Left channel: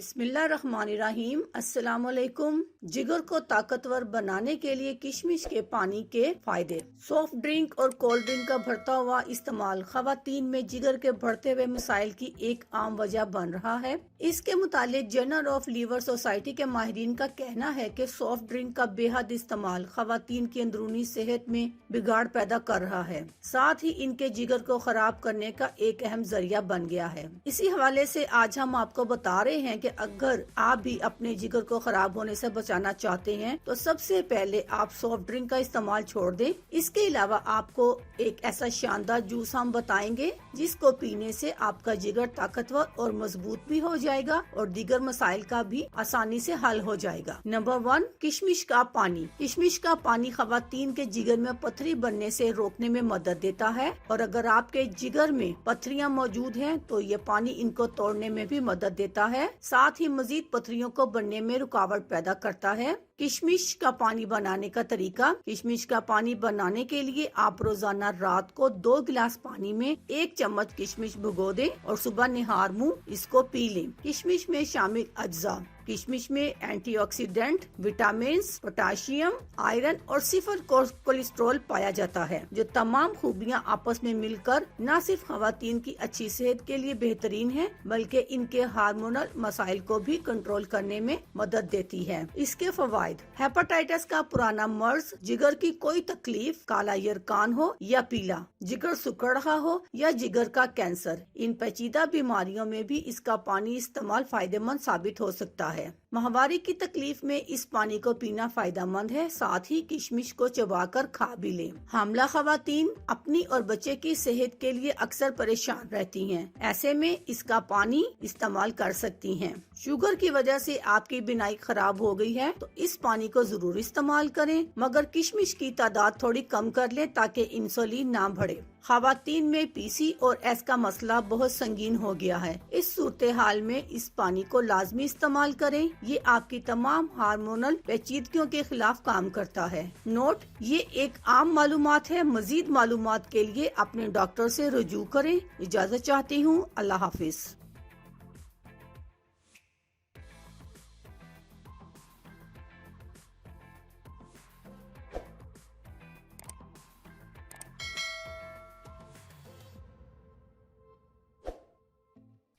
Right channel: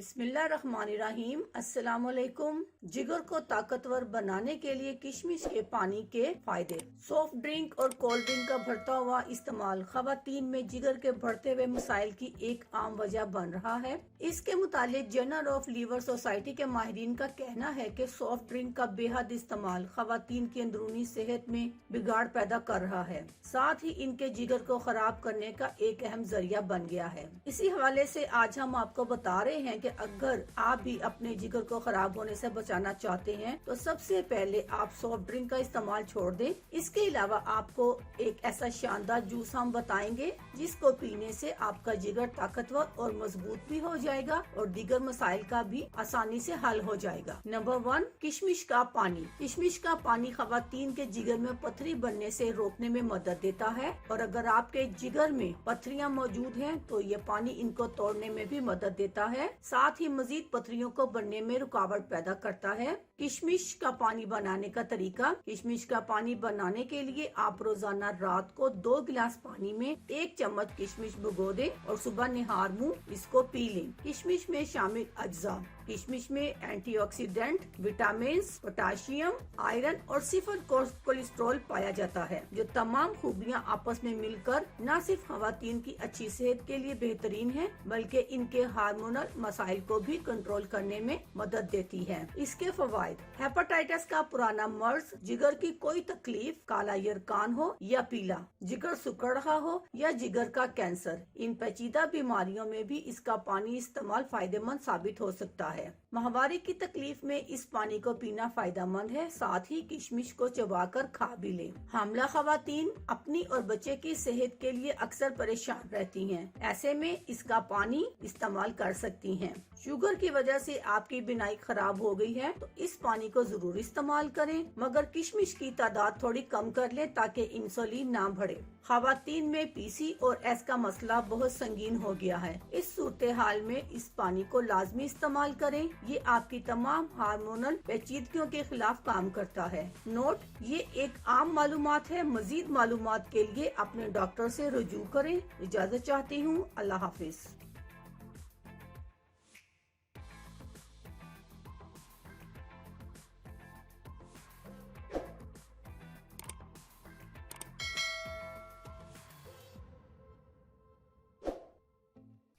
بسم اللہ الرحمن الرحیم۔ السلام علیکم۔ جگر کو طاقتور بنانے کے لیے کشمش کے پانی کے فائدے۔ سافٹ ڈرنک اور کولڈ ڈرنک کا بڑھتا ہوا استعمال خواتین میں جگر کے بڑھتے ہوئے مسائل کی ایک عام وجہ بن رہا ہے۔ اس کے متعلق جرنل آف لیور سوسائٹی کے ماہرین کا کہنا ہے کہ سافٹ ڈرنک کا بے حد استعمال خواتین کی اندرونی صحت میں بگاڑ پیدا کر رہا ہے، ساتھ ہی ان کے جگر کو خراب کرنے کا ایک اہم ذریعہ بن گیا ہے۔ اسی حوالے سے آج ہم آپ کو بتا رہے ہیں کہ اگر آپ بھی اپنے جگر کو خراب ہونے سے بچانا چاہتے ہیں تو سب سے پہلے آپ سافٹ ڈرنک کا استعمال چھوڑ دیں۔ اس کے علاوہ آپ کو ایک ایسا شاندار جوس ہم بتائیں گے جس کو پینے سے آپ کا جگر طاقتور اور مضبوط بھی ہو جائے گا اور دیگر مسائل کا بھی آسانی سے حل ہو جائے گا۔ نمبر 1، کشمش کا پانی۔ کشمش کا پانی خواتین کے جگر میں پتھری بننے سے روکنے میں مدد دیتا ہے، اور اگر آپ کے جگر میں پتھریاں موجود ہیں تو یہ پانی ان کو توڑنے میں بھی مدد دیتا ہے، ساتھ ہی مزید پتھریوں کو بننے میں رکاوٹ پیدا کرتا ہے۔ کشمش کا پانی بنانے کا طریقہ۔ کشمش کا پانی بنانے کے لیے آپ روزانہ رات کو 2 گلاس پانی میں 1 چمچ کشمش بھگو دیں اور صبح نہار منہ اس کو پی لیں۔ کشمش میں شامل اجزاء۔ کشمش میں antioxidant, vitamins, potassium, iron اور 0 کولیسٹرول پایا جاتا ہے، جو تمام خوبیاں آپس میں مل کر نہ صرف خواتین کی اچھی صحت کے لیے بہترین ہے بلکہ ان کے ہارمونل مسائل کو بھی کنٹرول کرنے میں مدد دیتی ہے۔ اس کے فوائد: ہیپاٹائٹس کا پرانا مرض، جگر کی کوئی تکلیف، کالا یرقان ہو یا پیلا، جگر سکڑ رہا ہو یا جگر کا کینسر، ان پیچیدہ بیماریوں میں بھی اس کا پانی استعمال فائدہ مند ثابت ہو سکتا ہے۔ ماہواری کی تکلیف میں اس پانی کو پینا فائدہ مند ہے، ساتھ ہی کشمش کو چبا کر کھا بھی لیں۔ حاملہ خواتین اپنی اور بچے کی صحت کے لیے اکثر پریشان رہتی ہیں، ایسے میں اس کا پانی استعمال کر سکتی ہیں۔ شوگر کی وجہ سے آپ کی بینائی خراب ہو گئی ہے تو اس پانی کو ضرور استعمال کریں، مگر کشمش کی تعداد تھوڑی کم کر لیں تاکہ انسولین نہ بڑھے۔ خواتین میں پی سی اور ایس کا مسئلہ بہت سنگین ہو گیا ہے، اس صورتحال میں اس پانی کو لازمی استعمال کریں۔ یہ آپ کی تمام ہارمونل پیچیدگیوں کے خلاف کام کرتا ہے۔ نوٹ: یہ ایک عام معلومات ہے، مزید معلومات کے لیے اپنے ڈاکٹر سے رجوع کریں۔ اجازت چاہتی ہوں۔ اللہ حافظ۔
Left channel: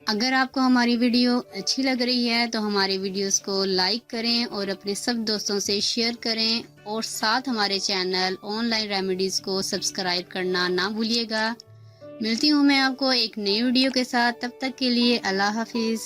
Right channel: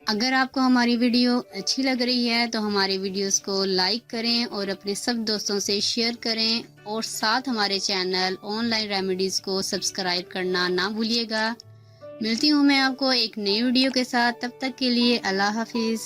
اگر آپ کو ہماری ویڈیو اچھی لگ رہی ہے تو ہماری ویڈیوز کو لائک کریں اور اپنے سب دوستوں سے شیئر کریں، اور ساتھ ہمارے چینل آن لائن ریمیڈیز کو سبسکرائب کرنا نہ بھولیے گا۔ ملتی ہوں میں آپ کو ایک نئی ویڈیو کے ساتھ، تب تک کے لیے اللہ حافظ۔